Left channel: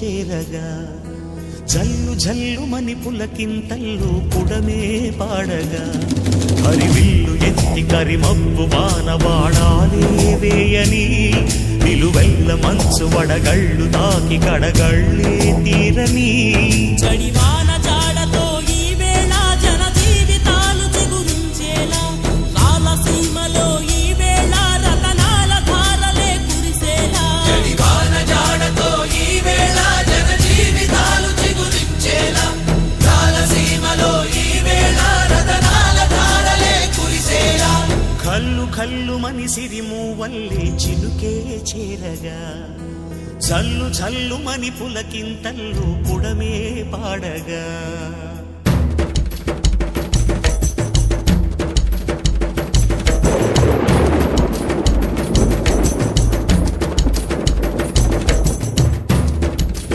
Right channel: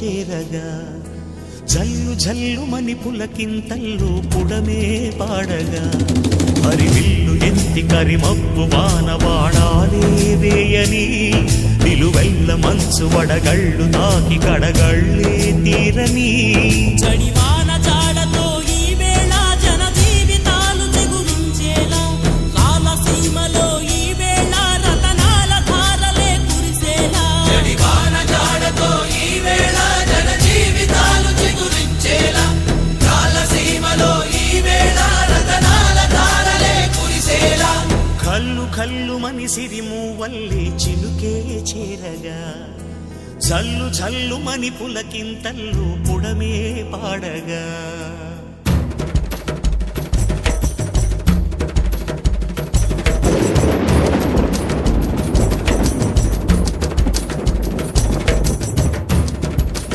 చేరగా జల్లు జల్లు మని పులకింతల్లో పుడమే పాడగా హరివిల్లు ఎత్తి కరిమబ్బు వానవాడాలే వేయని నిలువెల్ల మంచు వడగళ్ళు తాకి కడగళ్ళే తీరని జడివాన జాడతో ఈ వేళ జన జీవితాలు చిగురించేలా రాలసీమలో ఈ వేళ రతనాల ధారలే కురిసేలా జడివాన జాడతో ఈ వేళ జన జీవితాలు చిగురించేలా రాలసీమలో ఈ వేళ రతనాల ధారలే కురిసేలా కల్లు కల్లు మని సిరిమూవల్లే చినుకే చేరగా జల్లు జల్లు మని పులకింతల్లు పుడమే పాడగా